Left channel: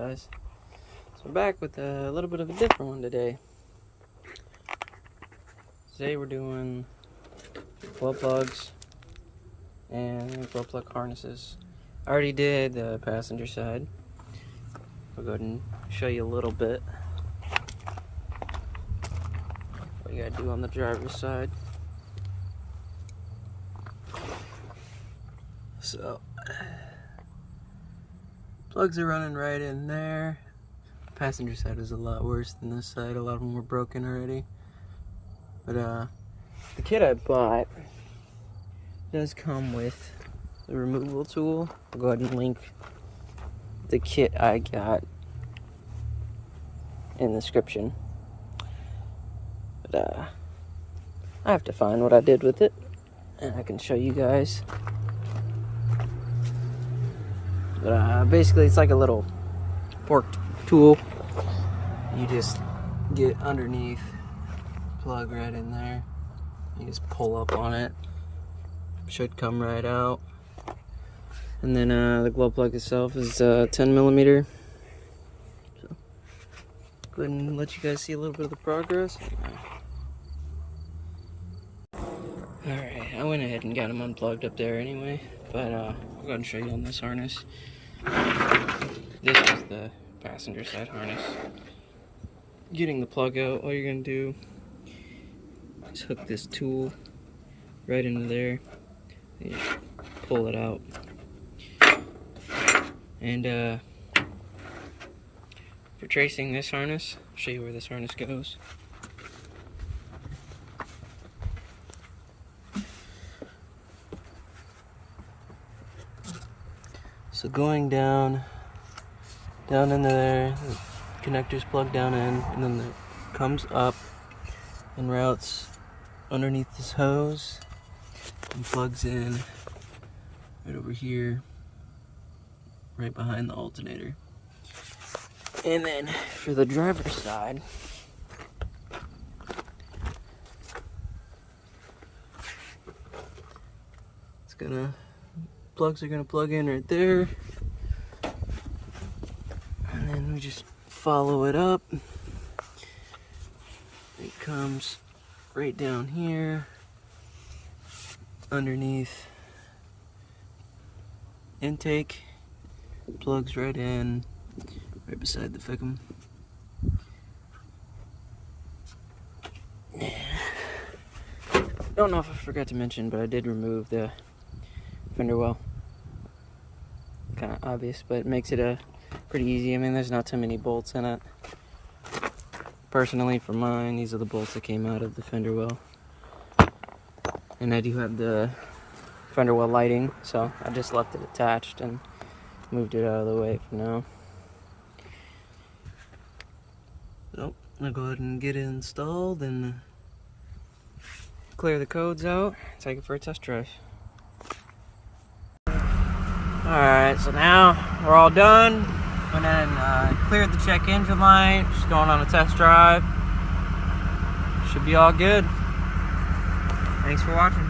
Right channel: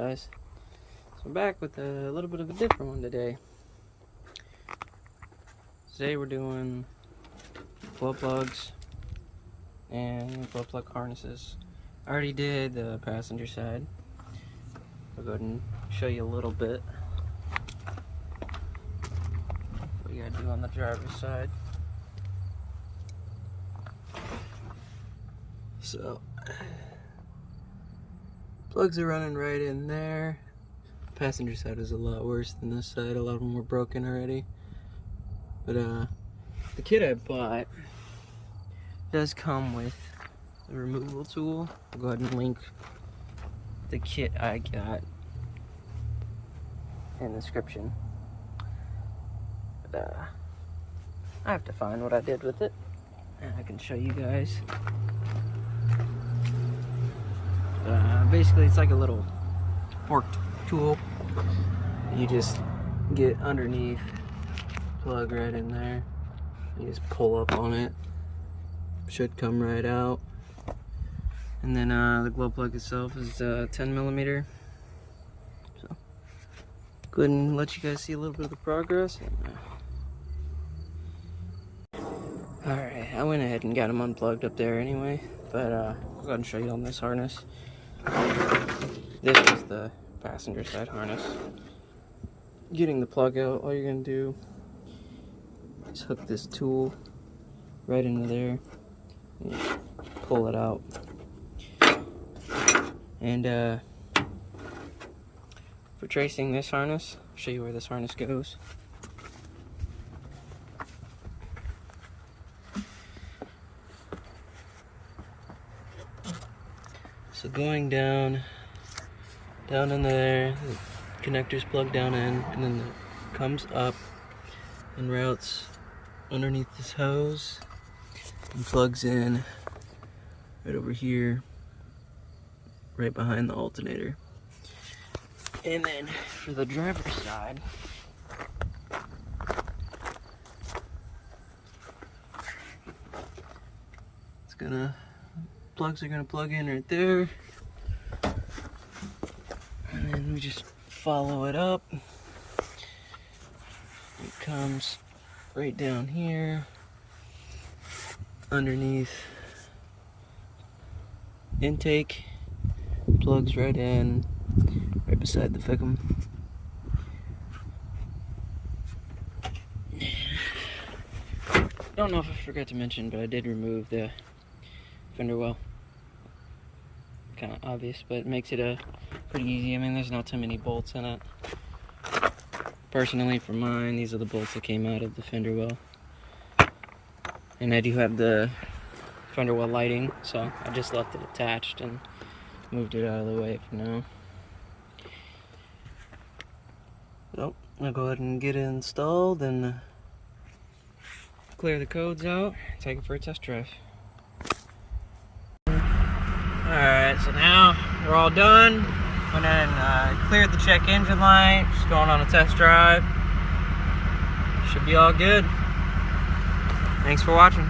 guys? So I'm back with a little bit of a different one today. Today we're doing glow plugs and glow plug harnesses. I already did the passenger side. I'll go ahead and show you a little bit what you gotta do on the driver's side. So, plugs are running right in there. The passenger side is a lot worse than this side. A lot of them were broken already. But the kit I bought does come with the removable tool. I'll go ahead and link the kit I got in the description. But I have to find what I did with it, and I can show you guys. Basically, it's like a little fork tool. You just get underneath, plug right in there. You just pull up on it. Should come right out. And then the glow plug itself is 10 millimeter. So, go ahead and let you guys see a little bit of the progress. Alright, I went ahead and got them unplugged up there anyway. But I'll go ahead and show you on this harness. This is the passenger side harness. Getting the plug out, all you're going to do is hook this tool right into there and you pull it out. And for tracing this harness, I'll show you where this harness goes. So going down into there, the connector's plugged down in, and then it comes up and routes underneath this hose and plugs in right over here, right behind the alternator. And then for the driver's side, plugs are gonna plug in right there, and then we just follow it up. It comes right down here underneath intake, plugs right in, right beside the fickum. Don't know if I forgot to mention, but I did remove the fender well. Kind of obvious, but it makes it pretty easy. I mean, there's not too many bolts in it. Personally, for mine, these are the bolts that came out of the fender well. And I do have the fender well lighting, so I just left it attached and moved it out of the way for now. So, I'm gonna go ahead and get it installed and clear the codes out, take it for a test drive. Alright, so now we're all done. Went and cleared the check engine light. Just going on a test drive. Should be all good. Thanks for watching.